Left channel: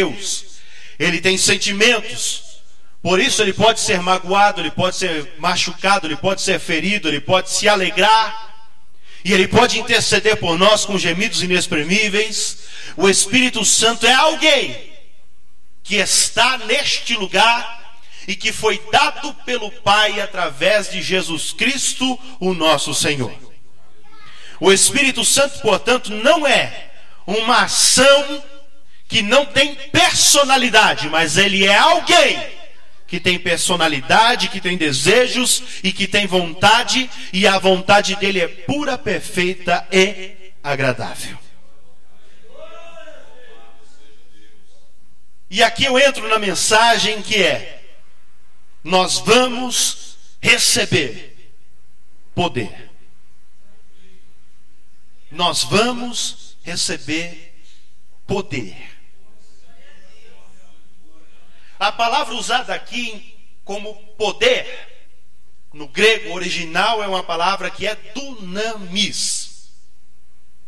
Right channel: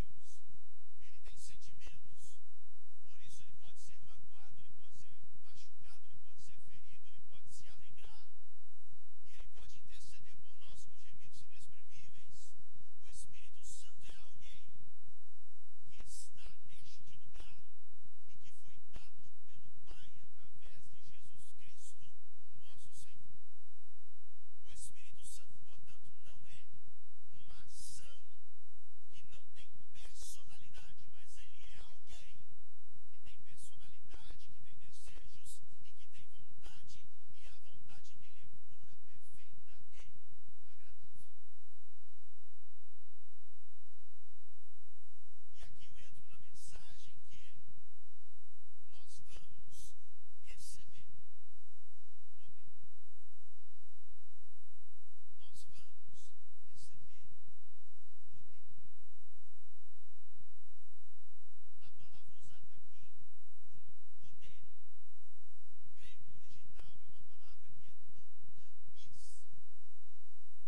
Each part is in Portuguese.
Deus. Ele tem sentimentos. Por isso ele pode ser magoado, ele pode ser machucado, ele pode ser ferido, ele pode se alegrar. E ele pode interceder por nós com gemidos inexprimíveis. O Espírito Santo é alguém que está neste lugar e que foi dado pelo Pai através de Jesus Cristo, o nosso Senhor. O Espírito Santo, portanto, não é uma ação que não tem personalidade, mas ele é alguém que tem personalidade, que tem desejos e que tem vontade, e a vontade dele é pura, perfeita e agradável. E aqui eu entro na mensagem que é: nós vamos receber poder. Nós vamos receber poder. A palavra usada aqui como poder, no grego original, é uma palavra que é dunamis.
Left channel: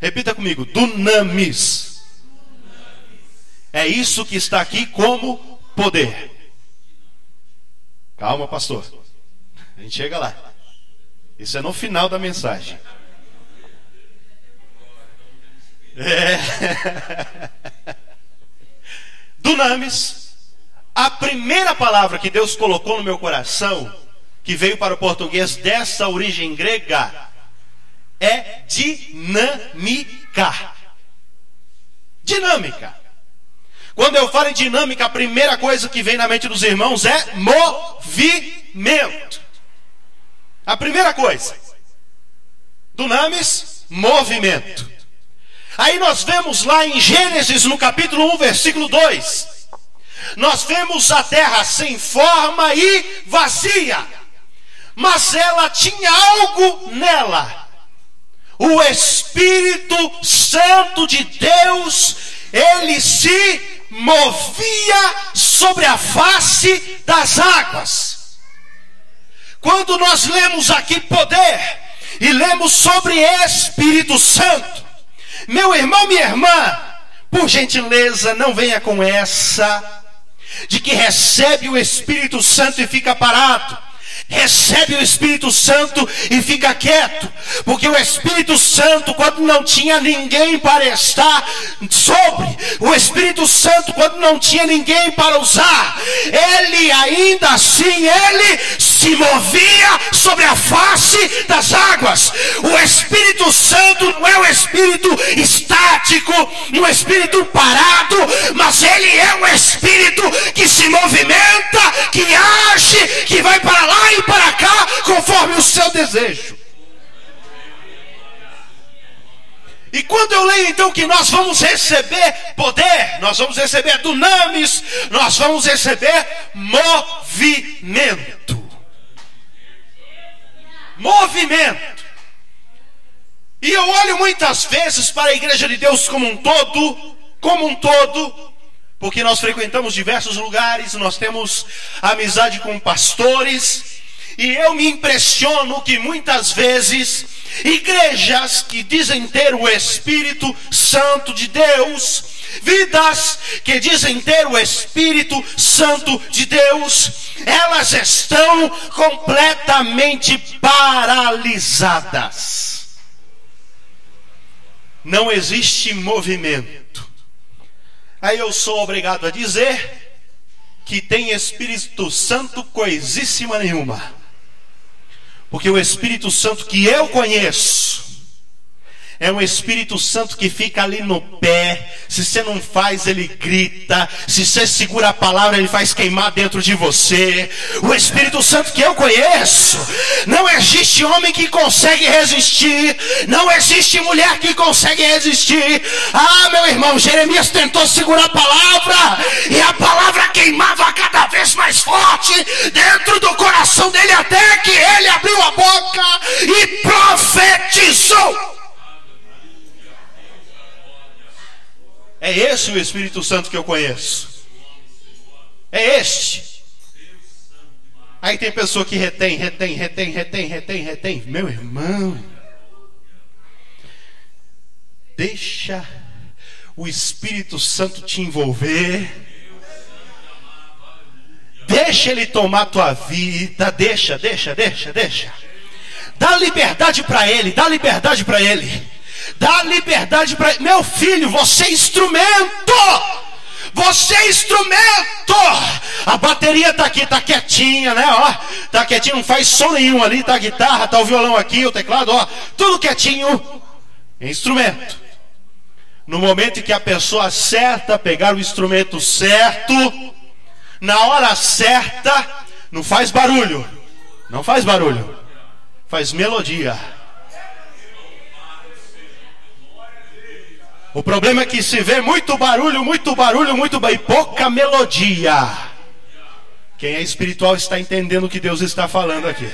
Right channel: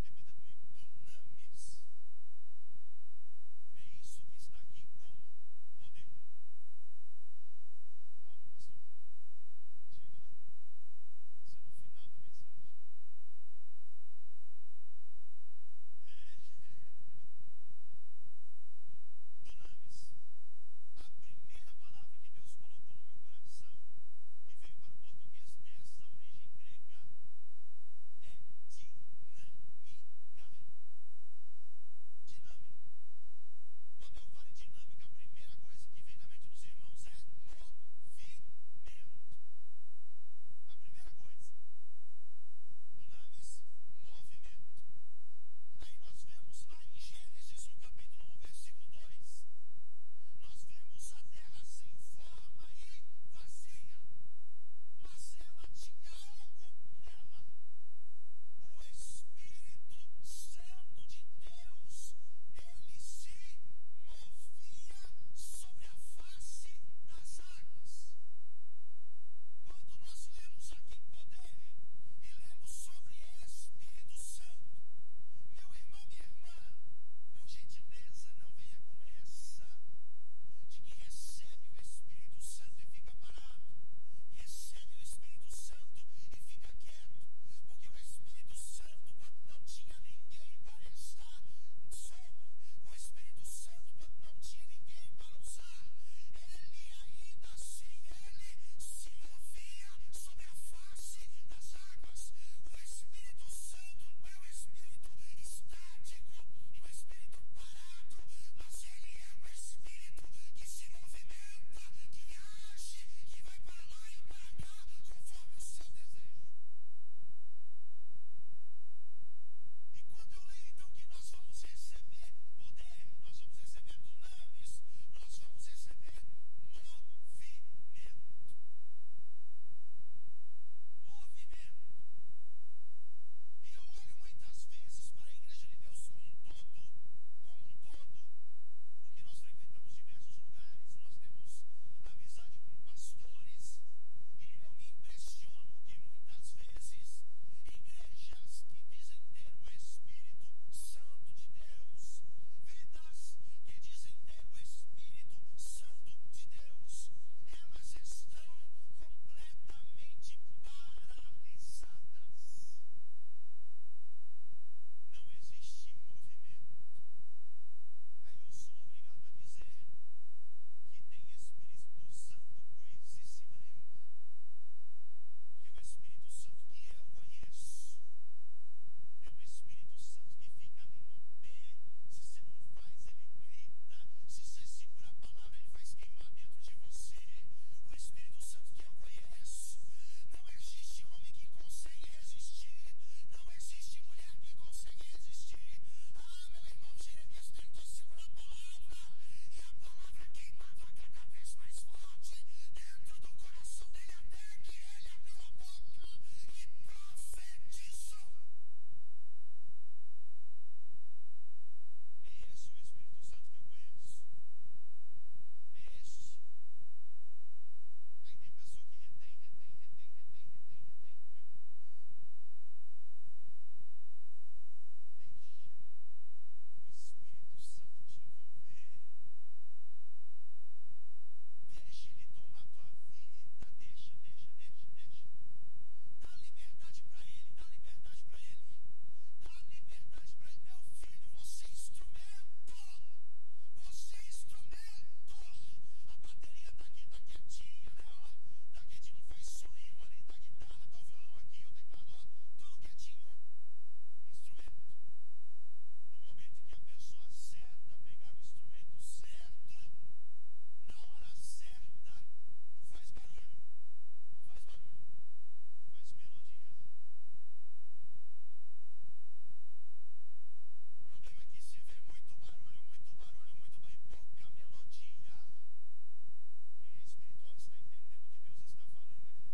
Repita comigo: dunamis. É isso que está aqui como poder. Calma, pastor. A gente chega lá. Isso é no final da mensagem. Dunamis. A primeira palavra que Deus colocou no meu coração, que veio para o português dessa origem grega, é dinâmica. Dinâmica. Quando eu falo em dinâmica, a primeira coisa que vem na mente dos irmãos é movimento. A primeira coisa. Dunamis, movimento. Aí nós vemos lá em Gênesis, no capítulo 1, versículo 2. Nós vemos a terra sem forma e vazia, mas ela tinha algo nela. O Espírito Santo de Deus, ele se movia sobre a face das águas. Quando nós lemos aqui poder e lemos sobre Espírito Santo, meu irmão, minha irmã, por gentileza, não venha com essa de que recebe o Espírito Santo e fica parado. Recebe o Espírito Santo e fica quieto, porque o Espírito Santo, quando não tinha ninguém para estar sobre, o Espírito Santo, quando não tinha ninguém para usar, ele ainda assim, ele se movia sobre a face das águas. O Espírito Santo não é um espírito estático, um espírito parado, mas ele é um espírito que se movimenta, que age, que vai para lá e para cá conforme o seu desejo. E quando eu leio então que nós vamos receber poder, nós vamos receber dunamis, nós vamos receber movimento. Movimento. E eu olho muitas vezes para a igreja de Deus como um todo, porque nós frequentamos diversos lugares, nós temos amizade com pastores, e eu me impressiono que muitas vezes igrejas que dizem ter o Espírito Santo de Deus, vidas que dizem ter o Espírito Santo de Deus, elas estão completamente paralisadas. Não existe movimento. Aí eu sou obrigado a dizer que tem Espírito Santo coisíssima nenhuma. Porque o Espírito Santo que eu conheço é um Espírito Santo que fica ali no pé. Se você não faz, ele grita. Se você segura a palavra, ele faz queimar dentro de você. O Espírito Santo que eu conheço, não existe homem que consegue resistir, não existe mulher que consegue resistir. Ah, meu irmão, Jeremias tentou segurar a palavra, e a palavra queimava cada vez mais forte dentro do coração dele, até que ele abriu a boca e profetizou. É esse o Espírito Santo que eu conheço. É este. Aí tem pessoa que retém. Meu irmão, deixa o Espírito Santo te envolver. Deixa ele tomar a tua vida. Deixa. Dá liberdade para ele. Dá liberdade para ele. Meu filho, você é instrumento. Você é instrumento. A bateria está aqui, está quietinha, né? Ó, tá quietinho, não faz som nenhum ali. Tá a guitarra, tá o violão aqui, o teclado, ó, tudo quietinho. É instrumento. No momento em que a pessoa certa pegar o instrumento certo, na hora certa, não faz barulho. Não faz barulho. Faz melodia. O problema é que se vê muito barulho e pouca melodia. Quem é espiritual está entendendo o que Deus está falando aqui.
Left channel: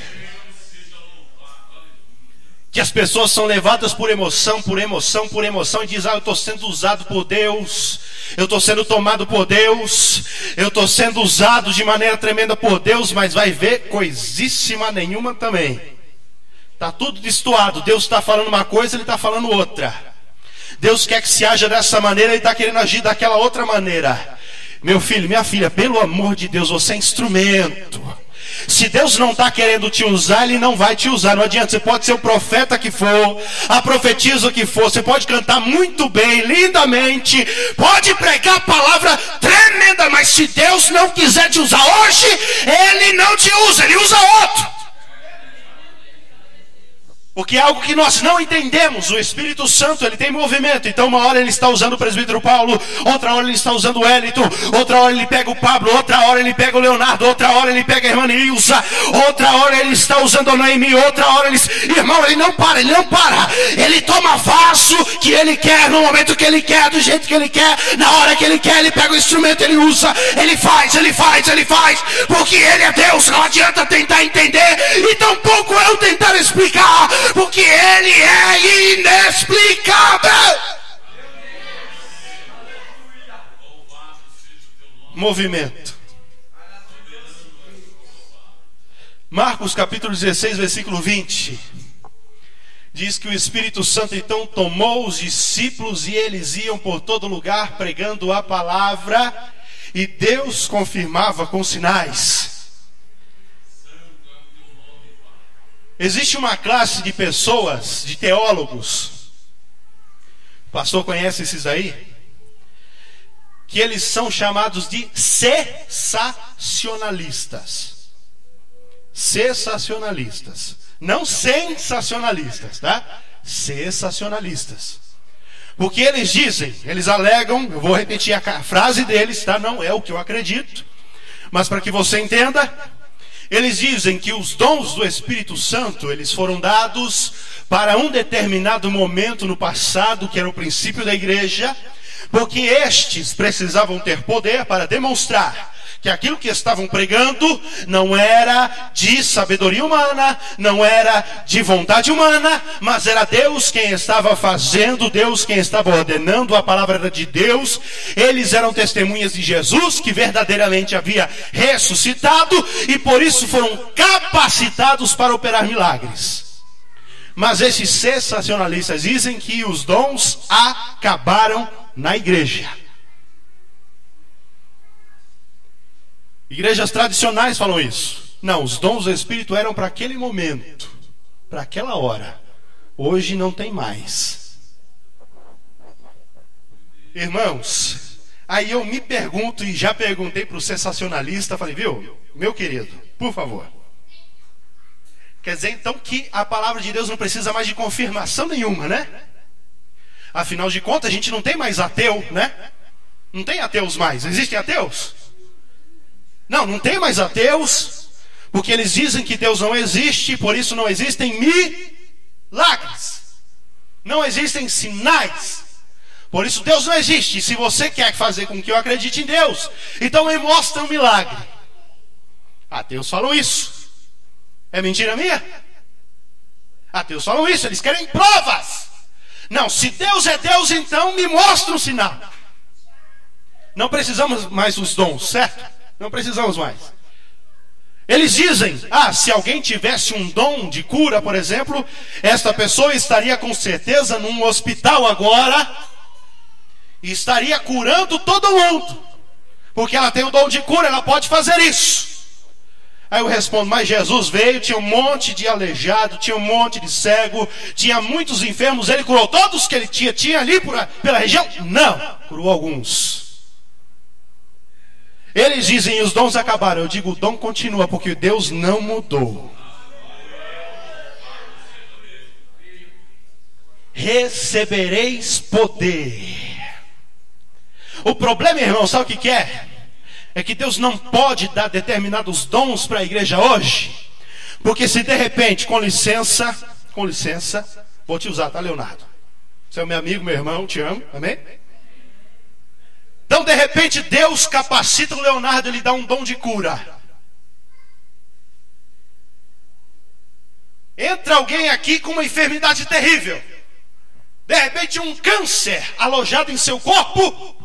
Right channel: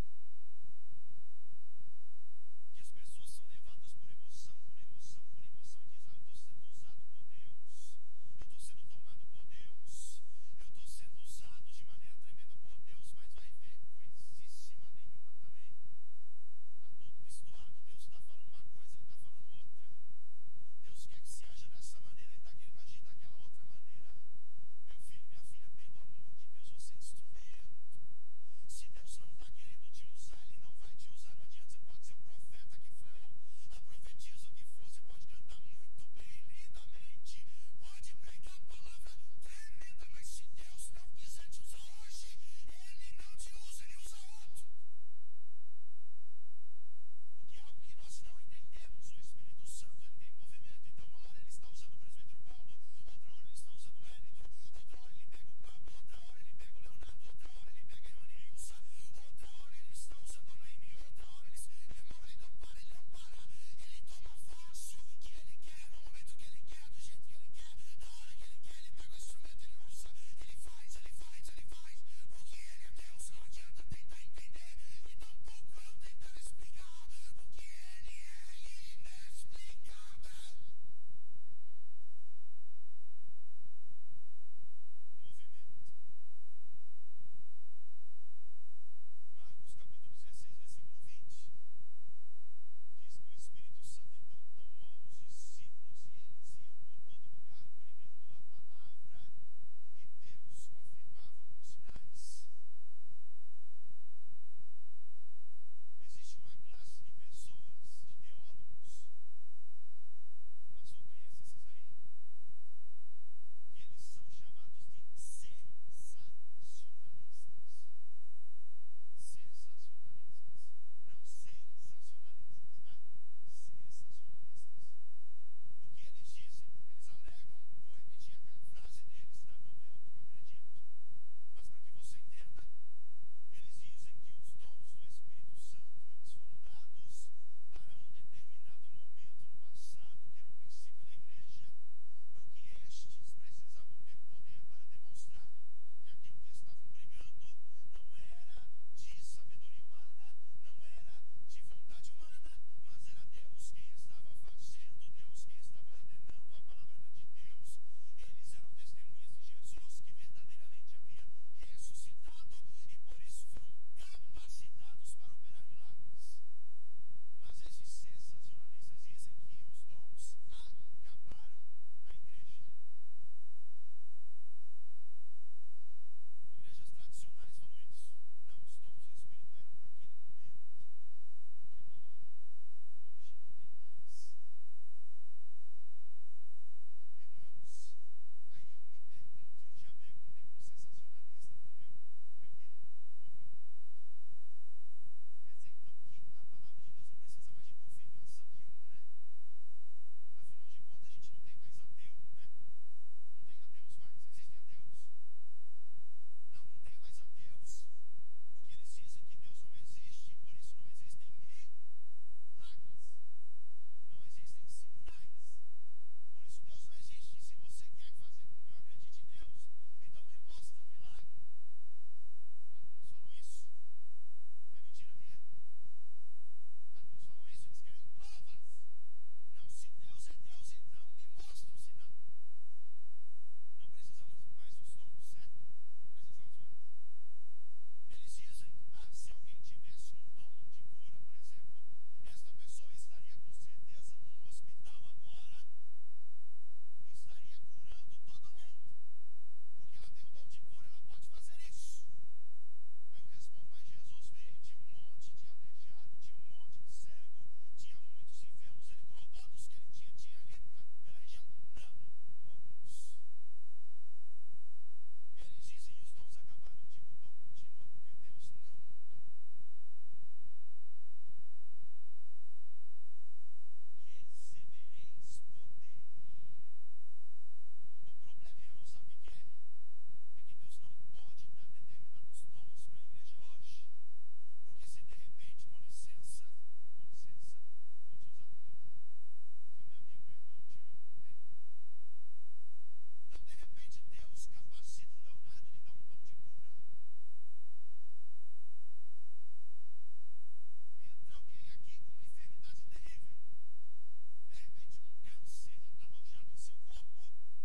Que as pessoas são levadas por emoção, e dizem, eu estou sendo usado por Deus, eu estou sendo tomado por Deus, eu estou sendo usado de maneira tremenda por Deus, mas vai ver coisíssima nenhuma também. Está tudo destoado. Deus está falando uma coisa, Ele está falando outra. Deus quer que se haja dessa maneira, Ele está querendo agir daquela outra maneira. Meu filho, minha filha, pelo amor de Deus, você é instrumento. Se Deus não está querendo te usar, Ele não vai te usar. Não adianta, você pode ser o profeta que for, a profetisa que for, você pode cantar muito bem, lindamente, pode pregar a palavra tremenda, mas se Deus não quiser te usar hoje, Ele não te usa, Ele usa outro. Porque é algo que nós não entendemos. O Espírito Santo, ele tem movimento. Então uma hora ele está usando o presbítero Paulo, outra hora ele está usando o Wellington, outra hora ele pega o Pablo, outra hora ele pega o Leonardo, outra hora ele pega a irmã Nilza, outra hora ele está usando a Noemi, outra hora ele... Irmão, ele não para. Ele toma vaso que ele quer, no momento que ele quer, do jeito que ele quer, na hora que ele quer, ele pega o instrumento, ele usa, ele faz, porque ele é Deus. Não adianta tentar entender e tampouco eu tentar explicar, porque Ele é inexplicável. Movimento. Marcos capítulo 16, versículo 20. Diz que o Espírito Santo então tomou os discípulos e eles iam por todo lugar pregando a palavra, e Deus confirmava com sinais. Existe uma classe de pessoas, de teólogos, o pastor conhece esses aí, que eles são chamados de cessacionalistas. Cessacionalistas. Não sensacionalistas, tá? Cessacionalistas. Porque eles dizem, eles alegam, eu vou repetir a frase deles, tá? Não é o que eu acredito, mas para que você entenda, eles dizem que os dons do Espírito Santo, eles foram dados para um determinado momento no passado, que era o princípio da igreja, porque estes precisavam ter poder para demonstrar que aquilo que estavam pregando não era de sabedoria humana, não era de vontade humana, mas era Deus quem estava fazendo, Deus quem estava ordenando, a palavra era de Deus. Eles eram testemunhas de Jesus, que verdadeiramente havia ressuscitado, e por isso foram capacitados para operar milagres. Mas esses sensacionalistas dizem que os dons acabaram na igreja. Igrejas tradicionais falam isso. Não, os dons do Espírito eram para aquele momento, para aquela hora. Hoje não tem mais. Irmãos, aí eu me pergunto, e já perguntei para o sensacionalista, falei, viu, meu querido, por favor. Quer dizer então que a palavra de Deus não precisa mais de confirmação nenhuma, né? Afinal de contas, a gente não tem mais ateu, né? Não tem ateus mais. Existem ateus? Não tem mais ateus, porque eles dizem que Deus não existe, por isso não existem milagres, não existem sinais, por isso Deus não existe. Se você quer fazer com que eu acredite em Deus, então me mostra um milagre. Ateus falam isso. É mentira minha? Ateus falam isso, eles querem provas. Não, se Deus é Deus, então me mostra um sinal. Não precisamos mais dos dons, certo? Não precisamos mais. Eles dizem, se alguém tivesse um dom de cura, por exemplo, esta pessoa estaria com certeza num hospital agora, e estaria curando todo mundo, porque ela tem o dom de cura, ela pode fazer isso. Aí eu respondo, mas Jesus veio, tinha um monte de aleijado, tinha um monte de cego, tinha muitos enfermos, ele curou todos que ele tinha ali pela região? Não, curou alguns. Eles dizem, os dons acabaram. Eu digo, o dom continua, porque Deus não mudou. Recebereis poder. O problema, irmão, sabe o que é? É que Deus não pode dar determinados dons para a igreja hoje, porque se de repente, com licença, vou te usar, tá, Leonardo? Você é meu amigo, meu irmão, te amo, amém? Então de repente Deus capacita o Leonardo, ele dá um dom de cura. Entra alguém aqui com uma enfermidade terrível, de repente um câncer alojado em seu corpo,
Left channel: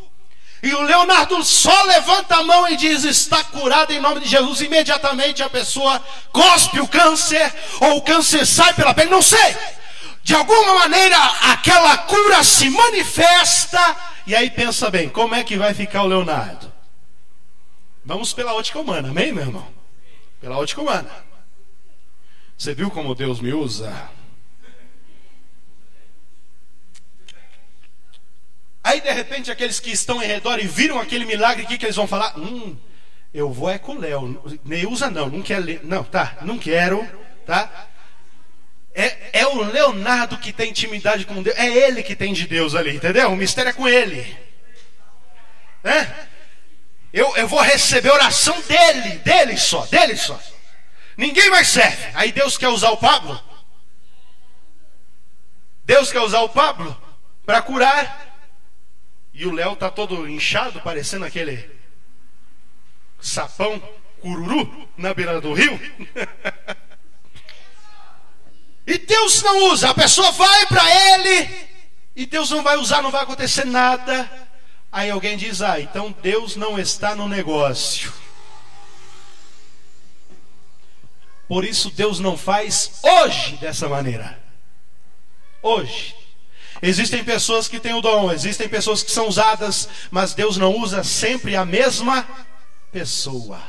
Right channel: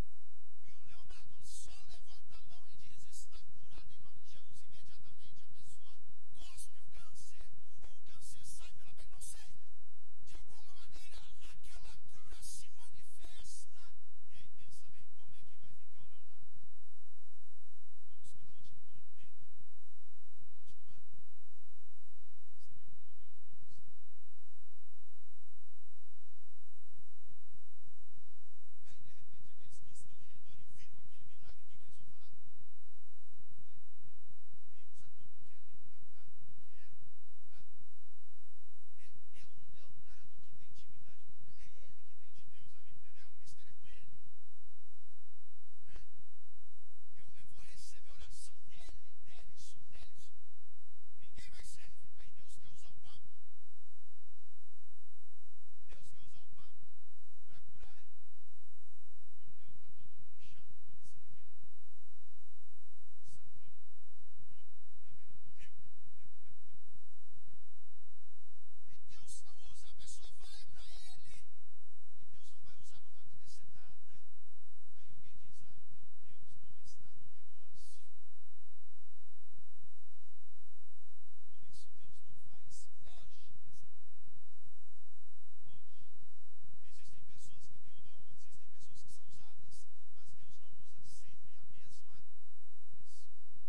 e o Leonardo só levanta a mão e diz, está curado em nome de Jesus. Imediatamente a pessoa cospe o câncer, ou o câncer sai pela pele, não sei. De alguma maneira aquela cura se manifesta. E aí pensa bem, como é que vai ficar o Leonardo? Vamos pela ótica humana, amém, meu irmão? Pela ótica humana. Você viu como Deus me usa? Aí de repente aqueles que estão em redor e viram aquele milagre, o que eles vão falar? Eu vou é com o Léo. Neuza não quer ler. Não, tá, não quero, tá? É o Leonardo que tem intimidade com Deus. É ele que tem de Deus ali, entendeu? O mistério é com ele. Eu vou receber a oração dele só. Ninguém mais serve. Aí Deus quer usar o Pablo? Deus quer usar o Pablo para curar. E o Léo tá todo inchado, parecendo aquele sapão cururu na beira do rio. E Deus não usa. A pessoa vai para ele e Deus não vai usar, não vai acontecer nada. Aí alguém diz, então Deus não está no negócio. Por isso Deus não faz hoje dessa maneira. Hoje. Existem pessoas que têm o dom, existem pessoas que são usadas, mas Deus não usa sempre a mesma pessoa.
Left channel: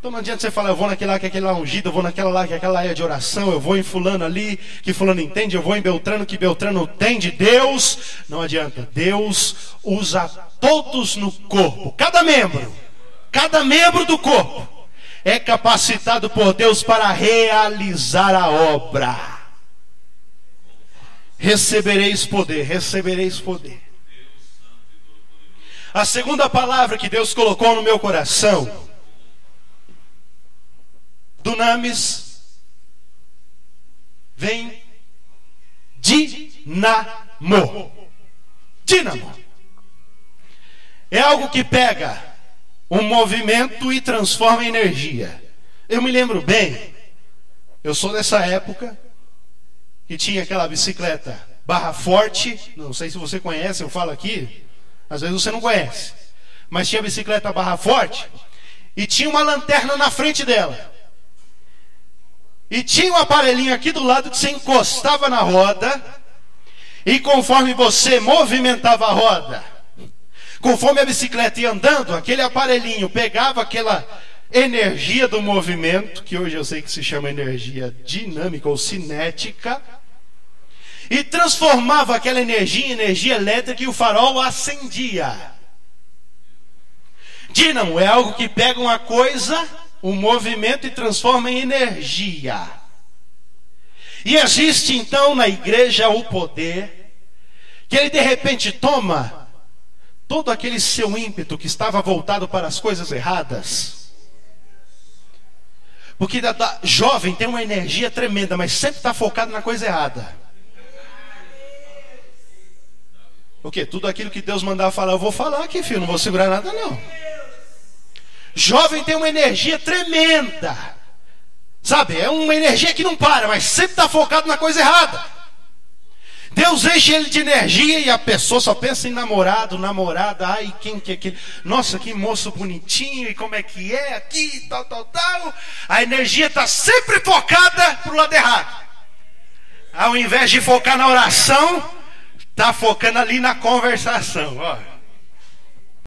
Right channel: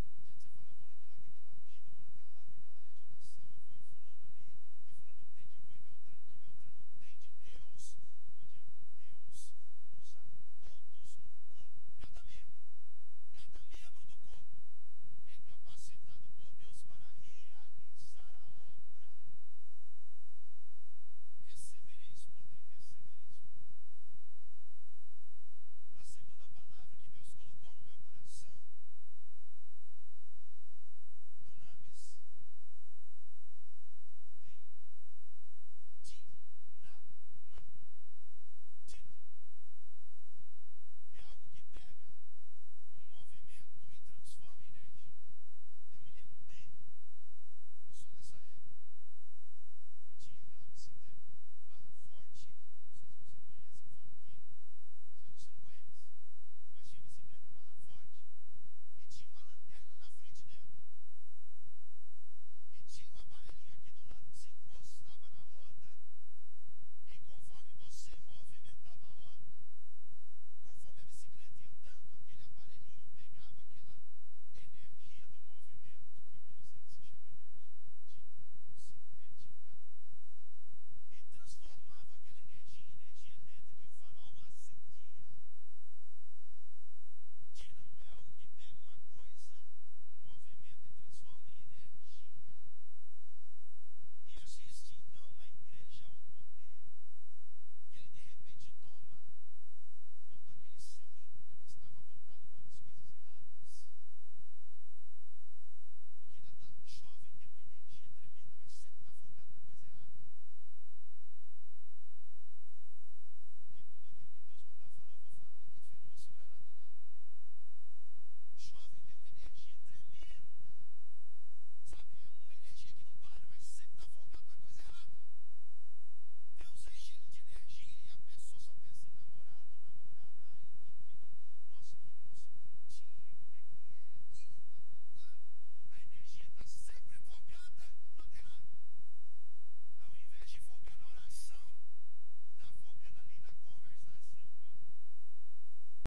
Então não adianta você falar, eu vou naquele lá que aquele lá é ungido, eu vou naquela lá que aquela lá é de oração, eu vou em fulano ali que fulano entende, eu vou em Beltrano que Beltrano tem de Deus. Não adianta, Deus usa todos no corpo, cada membro do corpo é capacitado por Deus para realizar a obra. Recebereis poder. A segunda palavra que Deus colocou no meu coração, dunamis, vem dinamo. Dínamo é algo que pega um movimento e transforma em energia. Eu me lembro bem, eu sou dessa época que tinha aquela bicicleta barra forte. Não sei se você conhece, eu falo aqui, às vezes você não conhece, mas tinha a bicicleta barra forte e tinha uma lanterna na frente dela, e tinha um aparelhinho aqui do lado que você encostava na roda, e conforme você movimentava a roda, conforme a bicicleta ia andando, aquele aparelhinho pegava aquela energia do movimento, que hoje eu sei que se chama energia dinâmica ou cinética, e transformava aquela energia em energia elétrica, e o farol acendia. Dínamo é algo que pega uma coisa, um movimento, e transforma em energia. E existe então na igreja o poder, que ele de repente toma todo aquele seu ímpeto que estava voltado para as coisas erradas. Porque jovem tem uma energia tremenda, mas sempre está focado na coisa errada. Porque tudo aquilo que Deus mandar falar, eu vou falar aqui, filho, não vou segurar nada não. Jovem tem uma energia tremenda, sabe, é uma energia que não para, mas sempre está focado na coisa errada. Deus enche ele de energia e a pessoa só pensa em namorado, namorada. Ai, quem que é aquele? Nossa, que moço bonitinho, e como é que é aqui, tal. A energia está sempre focada para o lado errado. Ao invés de focar na oração, Está focando ali na conversação. Ó.